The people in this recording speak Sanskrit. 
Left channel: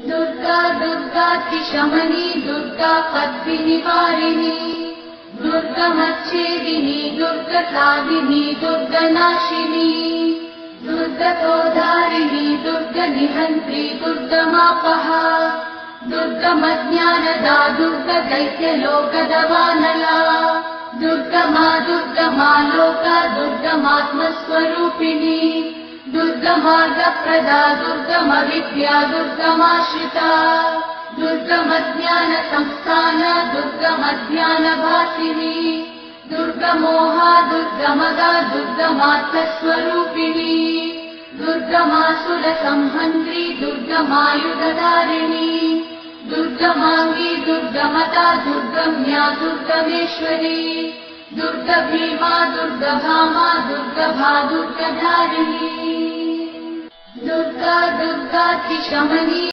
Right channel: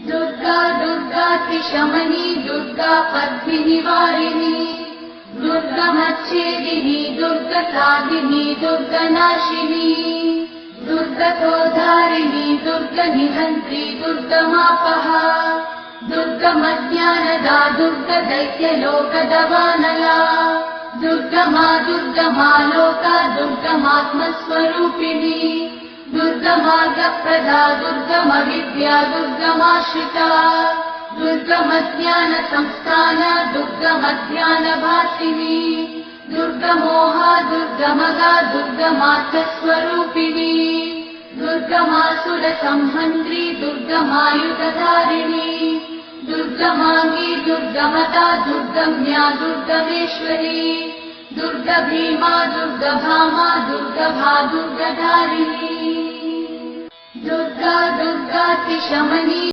दुर्गा दुर्गातिशमनी दुर्गा पद्मिनिवारिणी दुर्गमच्छेदिनी दुर्गसाधिनी दुर्गनाशिनी दुर्गतोधारिणी दुर्गनिहन्त्री दुर्गमापहा दुर्गमज्ञानदा दुर्गदैत्यलोकदवानला दुर्गमा दुर्गमा लोका दुर्गमात्मस्वरूपिणी दुर्गमार्गप्रदा दुर्गमविद्या दुर्गमाश्रिता दुर्गमज्ञानसंस्थान दुर्गमज्ञानभासिनी दुर्गमोहा दुर्गमदा दुर्गमार्थस्वरूपिणी दुर्गमासुरसंहन्त्री दुर्गमायुधधारिणी दुर्गमाङ्गी दुर्गमता दुर्गम्या दुर्गमेश्वरी दुर्गभीमा दुर्गभामा दुर्गभा दुर्गधारिणी दुर्गा दुर्गातिशमनी